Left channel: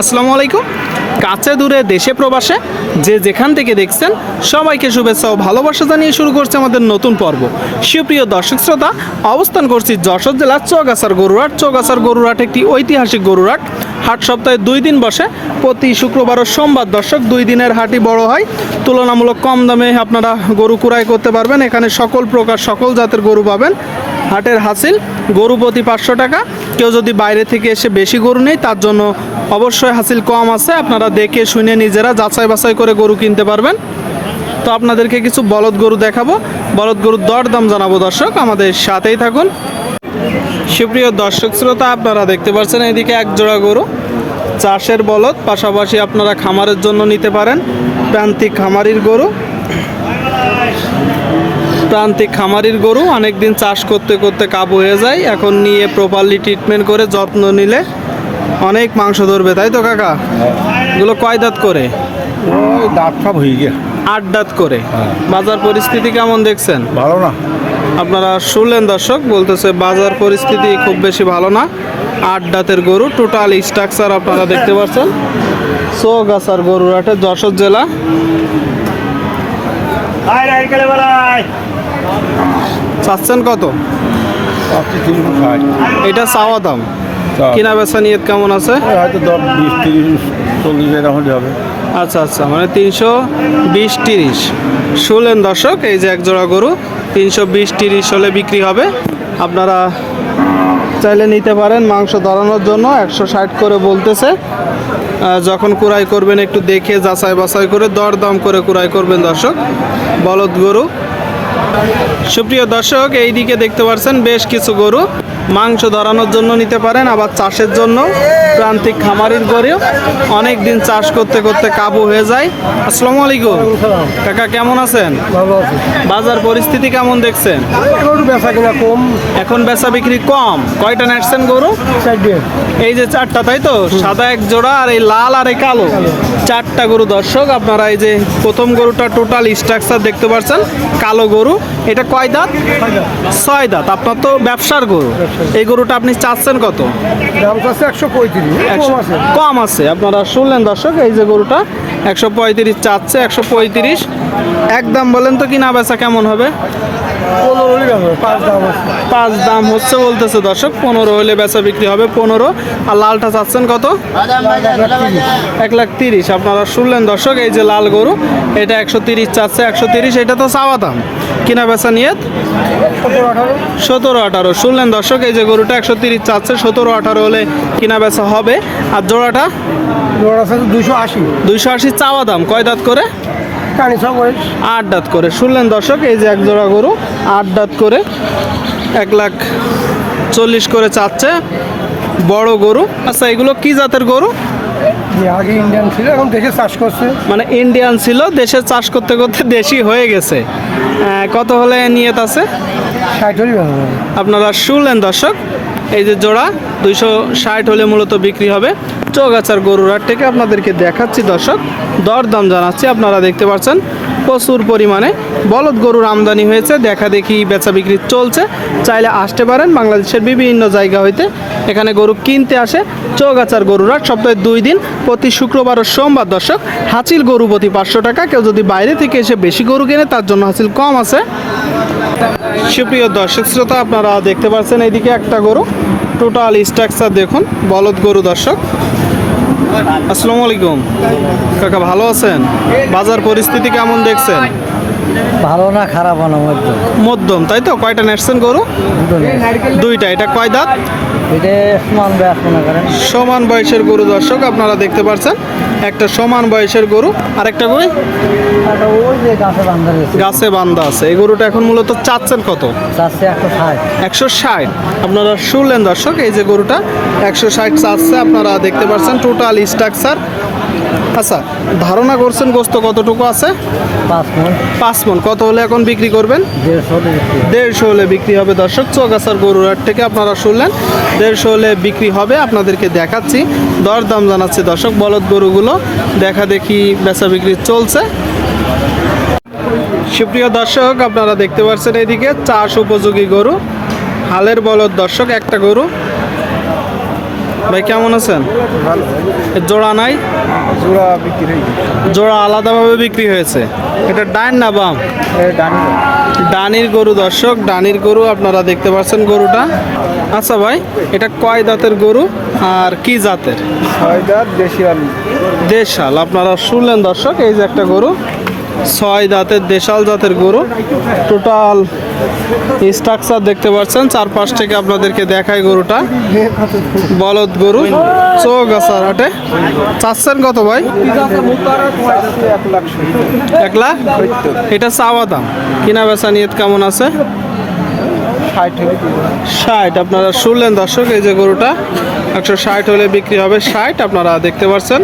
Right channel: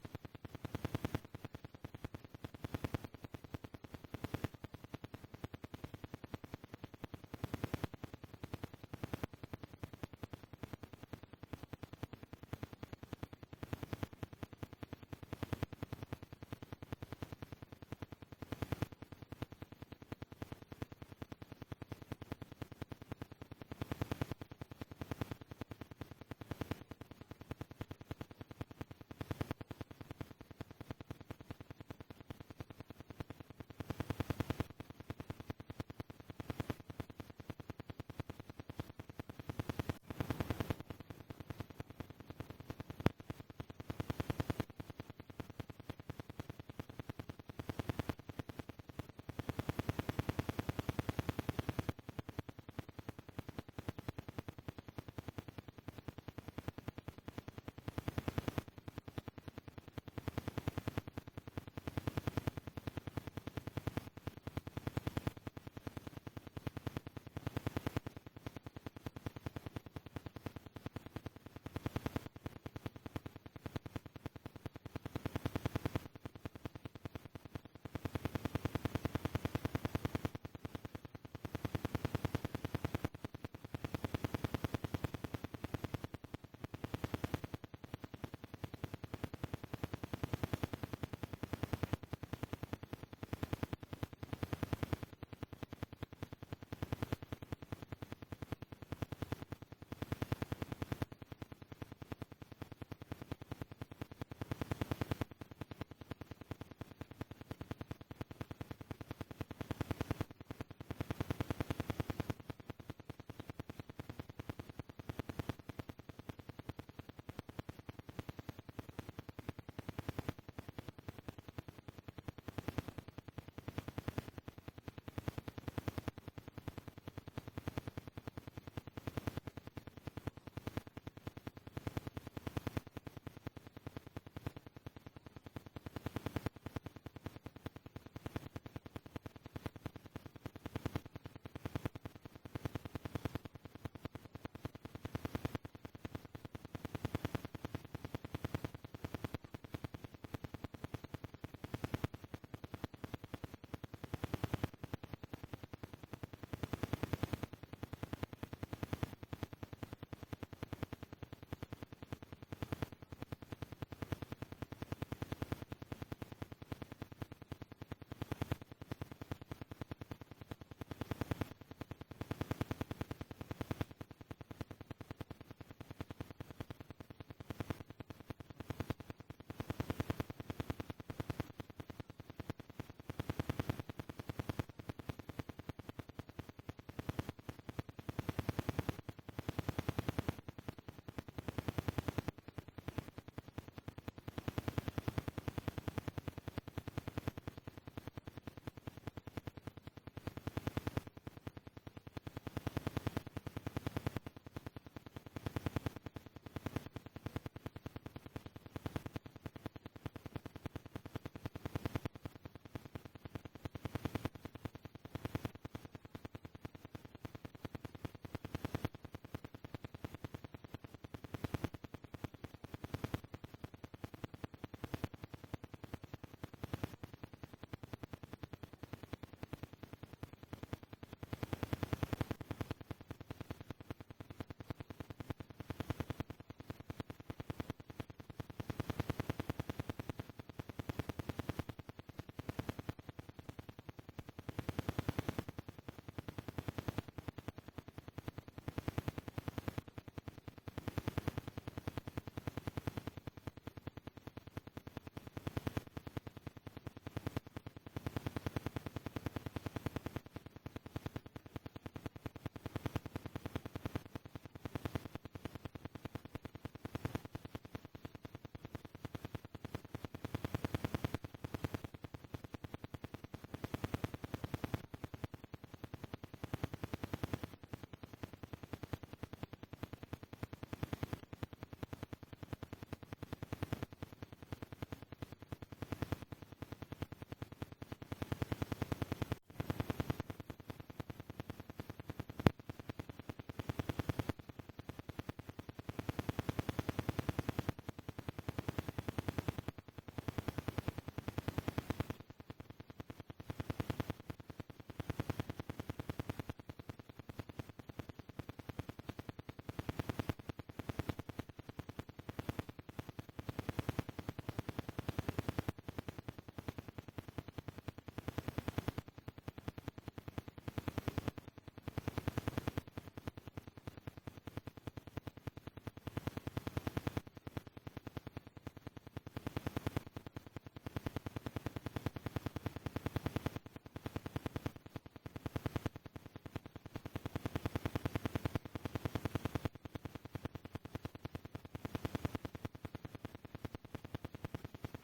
আসসালামু আলাইকুম। কাছে দূরে দেশে প্রবাসে যে যেখান থেকে দেখছেন সবাইকে শুভেচ্ছা ও ভালোবাসা জানিয়ে শুরু করছে আমাদের নতুন পর্ব। সুপ্রিয় দর্শক শ্রোতা, অবস্থান করছি যশোর জেলার চৌগাছার গরুরহাট। চৌগাছার গরুরহাট একটি ঐতিহাসিক গরুরহাট। হাট সপ্তাহে 2 দিন বসে, প্রতি শুক্রবার ও সোমবার। দর্শক 2 দিনের হাটই বড় হয়, তুলনামূলক কম দামে আপনারা গরু ক্রয় করতে পারবেন। এখানে সকল প্রকার সকল জাতের গরু পাবেন। হাটের হাসিল গরু প্রতি 500 টাকা। কেউ যদি বাইরে থেকে এসে বেশি গরু নেই তার জন্য অবশ্যই হাসিল কম আছে। আপনারা দেখে শুনে নিজেরা যাচাই বাছাই করে গরু কিনতে পারবেন। তো আপনাদেরকে কিছু বলদ গরু দেখাবো, বলদ গরুর দরদাম জানাবো। দর্শক আমাদের সাথেই থাকুন। সুপ্রিয় দর্শক শ্রোতা, আপনারা দেখতে পাচ্ছেন এদিকে এক জোড়া গরু, চাষের বলদ, পাশাপাশি আপনারা খামারের জন্য নিতে পারেন। প্রান্তিক খামারির গরু, প্রান্তিক খামারির গরু অনেকদিন চাষ করতে করতে কাবু হয়ে যায়। এখন নিয়ে প্রপারলি ট্রিটমেন্ট করে যত্ন নিলে অনেক মাংস ধরবে, তাই তো কাকা? এগুলো কয় দাঁত করে? দাঁত সব হয়ে গিয়ে 8 দাঁত করে। বাজার পরিস্থিতি কেমন দেখছেন? ভালো না। আপনারা শুনলেন দর্শক, বলতেছে বাজার পরিস্থিতি খুব বেশি ভালো না। 8 দাঁতের গরু, টোটাল স্ট্রাকচার আপনারা দেখতে পাচ্ছেন। চৌগাছার গরুরহাটে, যশোর জেলা। চাচ্ছেন কত? এটা চাওয়া দাম, কিনা বেচা নিয়ত কেমন আছে? হয়তো 10, 20, 30, 40 এরকম হবে। আচ্ছা আচ্ছা, মানে 320-30। শুনলেন দর্শক, এই যে এক জোড়া গরু 320-30 হলে বিক্রি হবে। আপনারা চাইলে নিতে পারেন মাংস ধরানোর জন্য। 160 করে বলতেছে। যখন কুড়াই করবেন একটু দেখে যাচাই বাছাই করে দরদাম করে কুড়াই করবেন দর্শক। বলদ গরু। সুপ্রিয় দর্শক, এই দিকে দেখতে পাচ্ছেন বেশ কিছু গরু মাংস ধরানোর জন্য নিতে পারেন, আবার চাষের জন্য। প্রান্তিক খামারির গরু অনেক দিন চাষ করতে করতে কাবু হয়ে যায়। আসসালামু আলাইকুম কাকা, কেমন আছেন? ভালো আছে। বাজার পরিস্থিতি কেমন দেখছেন? গরু বেচা কিনা কম। এখন বেচা বিক্রি কম। কয়টা নেটছেন গরু? 4 এই যে 4টা, তাই তো? সাদা এক জোড়া, আর এই লাল আর এই কালো 4টা গরু। দর্শক আপনারা এই যে প্রথম গরুটা টোটাল স্ট্রাকচার দেখতে পাচ্ছেন, কালো গরু। এটা কয় দাঁত? 6 দাঁত। আপনার তো ব্যবসার গরু। এই গরুটা আপনি চাচ্ছেন কত? দাম আছে 135। কম আছে। আপনারা শুনলেন দর্শক, এই যে গরুটা 135 চাচ্ছে। 135 একদম বলেন তো, কিনা বেচা কেমন হবে? 5 দাম হচ্ছে বলতেছে দর্শক। 15 হলে বেচা বিক্রি হবে। 15। আর লালটা চাচ্ছেন কত? 130,000। আপনারা শুনলেন দর্শক, এই যে লাল গরু, এটা 130 চাচ্ছে। 130 এটা তো চাওয়া দাম, কিনা বেচা নিয়ত 17-18। শুনলেন দর্শক, এই যে গরুটা 130 চাচ্ছে, 17-18 হলে কিনা বেচা হবে। আর জোড়াটা 280 চাওয়া দাম। কয় দাঁত করে? 8 দাঁত করে। শুনলেন দর্শক, এই যে এক জোড়া গরু 8 দাঁত করে 140,000 করে চাচ্ছে। বড় গরু। আচ্ছা, এগুলো কি জাতের গরু? আগে ইন্ডিয়ান ছিল, এখন দেশে চাষ করছে। মানে ইন্ডিয়ান ছিল, দেশে চাষ করতে করতে দেশি হয়ে গেছে। কত হলে নিয়ত আছে? 60 আপনারা শুনলেন দর্শক, এই যে জোড়া 260 হলে মূলত বিক্রি হবে। চৌগাছার গরুরহাট থেকে আপনাদেরকে দেখাচ্ছি দর্শক, দরদাম জানাচ্ছি। আপনারা দেখতে পাচ্ছেন প্রচুর পরিমাণে বলদ গরুর আমদানি হয়েছে, দেখা দেখি বেচা বিক্রি চলছে। চাইলে আসতে পারেন, বাংলাদেশের বিভিন্ন জায়গা হইতে এখানে গরু কিনতে আসে। চৌগাছার গরুরহাট সপ্তাহে 2 দিন, প্রতি শুক্রবার ও সোমবার। দর্শক হাসিল গরু প্রতি 500 টাকা। কেউ যদি বাইরে থেকে এসে বেশি গরু কেনে তার জন্য হাসিল কম আছে। সুপ্রিয় দর্শক শ্রোতা, আপনারা দেখতে পাচ্ছেন এইদিকে একটা গরু, টোটাল স্ট্রাকচার দেখুন, বলদ গরু। দর্শক আসসালামু আলাইকুম কাকা, ভালো আছেন? বাজার পরিস্থিতি কেমন দেখছেন? ভালো না, খারাপ না, মধ্যম, তাই তো? কয়টা নেটছেন গরু? 2টা। এটা কয় দাঁত? এটা সমান ব্যাস মনে করেন। সমান বয়সের গরু। দর্শক আপনারা দেখতে পাচ্ছেন একটা সমান বয়সের গরু, আর একটা গরু ওই যে গাছে বান্ধা আছে। এই গরুটা এখন মূলত চাচ্ছেন কত? 160। আপনারা শুনলেন দর্শক, এই যে গরুটা 160 চাচ্ছে। আপনারা দেখতে পাচ্ছেন টোটাল স্ট্রাকচার। আচ্ছা, ধারণা করছেন গোস্ত কতটুকু আছে? 5 মণ। কত হলে এখন বিক্রি করবেন? 150 হলে বিক্রি হবে। দর্শক চৌগাছার গরুরহাট থেকে আপনারা শুনলেন, 150 হলে বিক্রি হবে। আপনাদেরকে দেখাচ্ছি, দরদাম জানাচ্ছি দর্শক। বলদ গরুগুলো দেখা দেখি বেচা বিক্রি চলছে। সুপ্রিয় দর্শক, আপনারা দেখতে পাচ্ছেন এইদিকে চাষ উপযোগী গরু, হালের বলদ। দর্শক একটা গরু ভাই কেমন আছেন? ভালো এর জোড়া নাই? জোড়া বিক্রি জোড়া আলাদাভাবে বিক্রি হয়েছে। এটা ডান না বাম? ডানি ডানির গরু দর্শক, ডানির গরু আপনারা দেখতে পাচ্ছেন গরুটা। আচ্ছা ভাই, এটা কয় দাঁতের গরু আর কি জাতের? 6 দাঁত দেশি আলু দেশাল। আপনারা শুনলেন দর্শক, এই যে একটা গরু 6 দাঁতের দেশাল জাতের গরু। টোটাল স্ট্রাকচার দেখতে পাচ্ছেন, চারপাশ থেকে আপনাদেরকে দেখায় গরুটা। বলদ গরু, চোখ আসার হাটে। চাচ্ছেন কত ভাই? 1 লাখ। এটা চাওয়া দাম, কিনা বেচা নিয়ত কেমন আছে? 60। আপনারা শুনলেন দর্শক, এই যে গরুটা 160 হলে বিক্রি হবে। 60 আপনারা দেখতে পাচ্ছেন।